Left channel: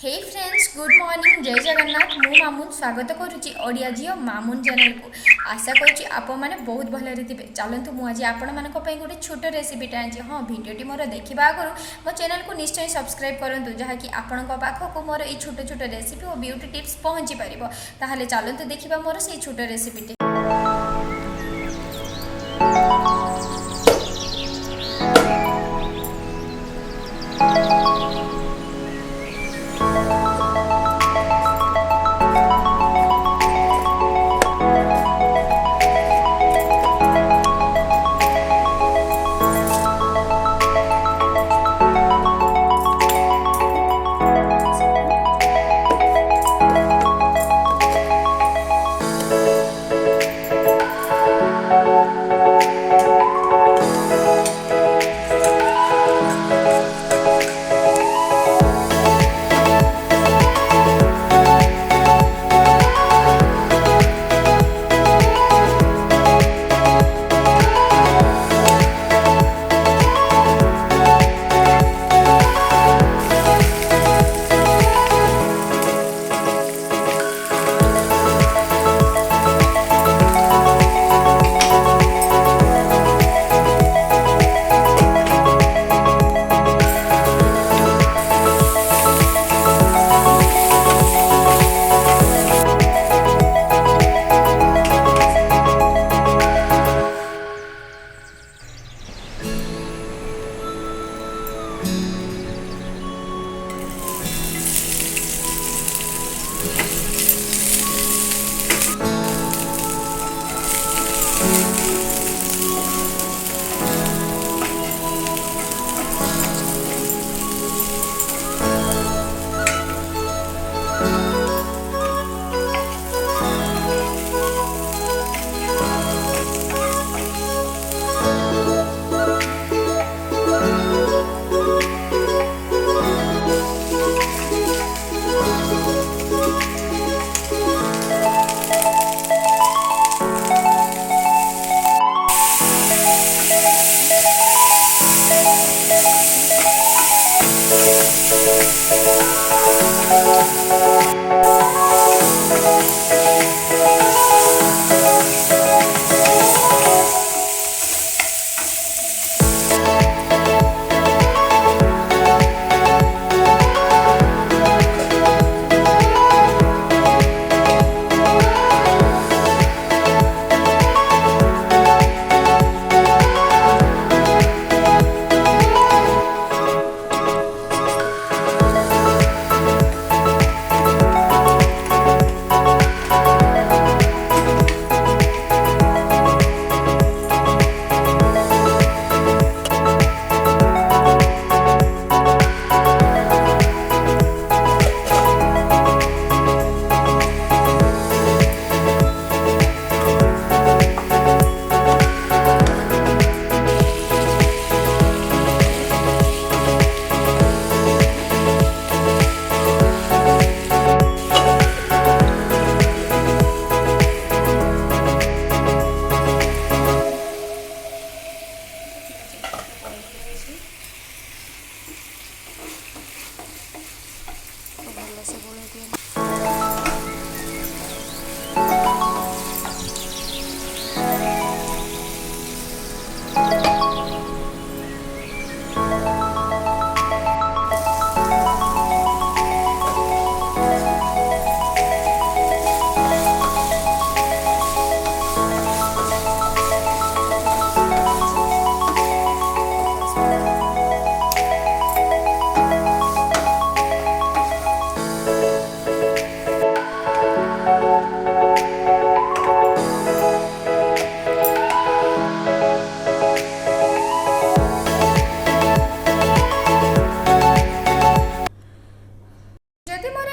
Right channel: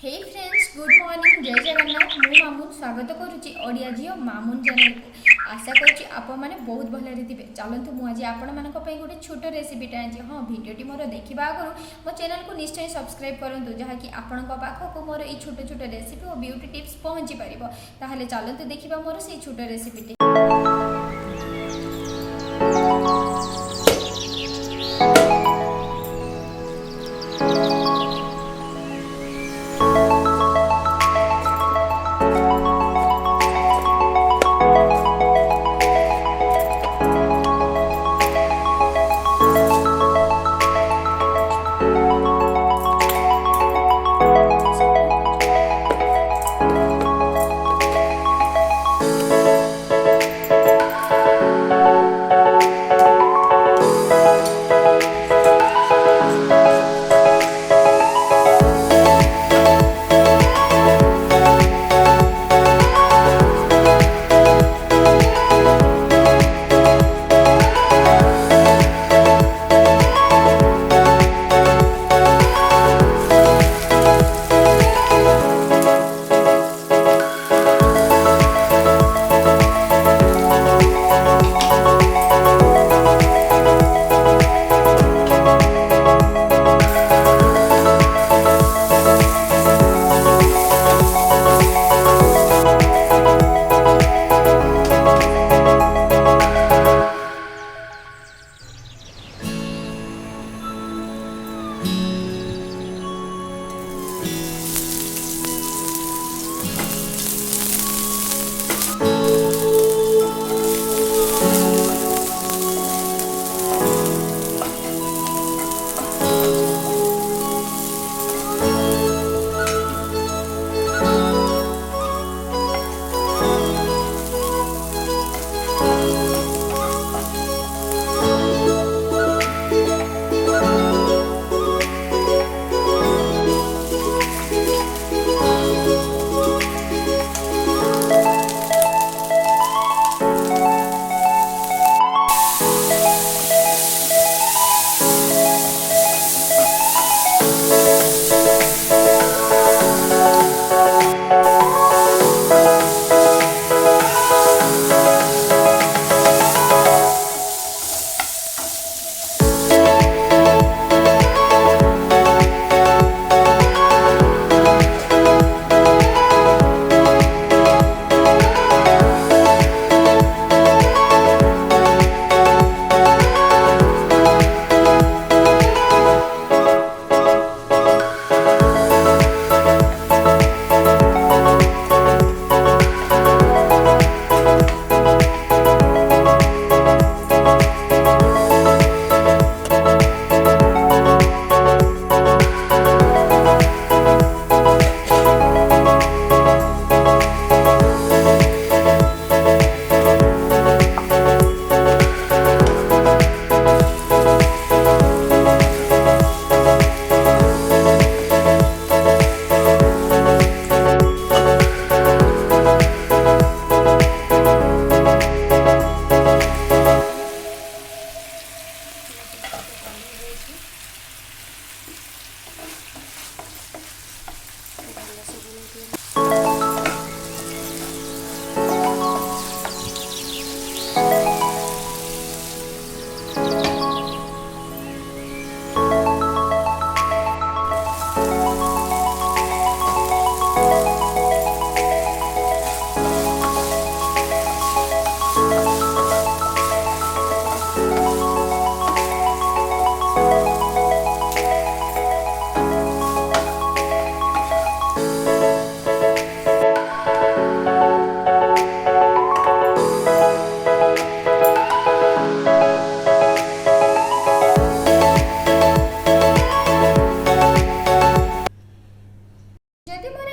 हे friends good morning जय जगन्नाथ मु मामुन स्वागत करुच्ची ओडिया झील मामुन चैनल को आशा करुच्ची आपण मैंने बहुत भलरे थे चलतु मुझे आपण मान गोटे छोट रेसिपीटे आई हाँ भिडटी मोर देखा आगु मो चैनल को निश्चय सब्सक्राइब करूँ जहाँकि आपण पाखक मोर ये छोट छोट रेसिपी और ब्यूटी टिप्स पहुँची पार चलतु देखा मोर से छोट रेसिपीटे।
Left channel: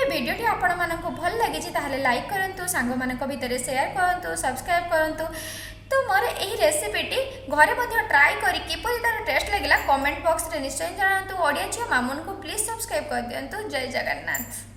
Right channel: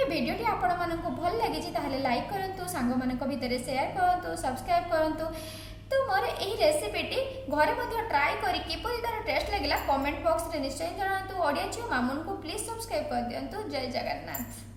भिडियोटी आपको भल लगी लाइक करूँ सांग मान भितर सेयार करूँ सब्सक्राइब करूँ। तो मोर यही रेसिपीटी घरे ट्राए करी किपरि तार टेस्ट लगे कमेंट बॉक्स रे निश्चय जनातु। ओडिया झील मामुन को प्लीज सब्सक्राइब कर दिंतु। जय जगन्नाथ।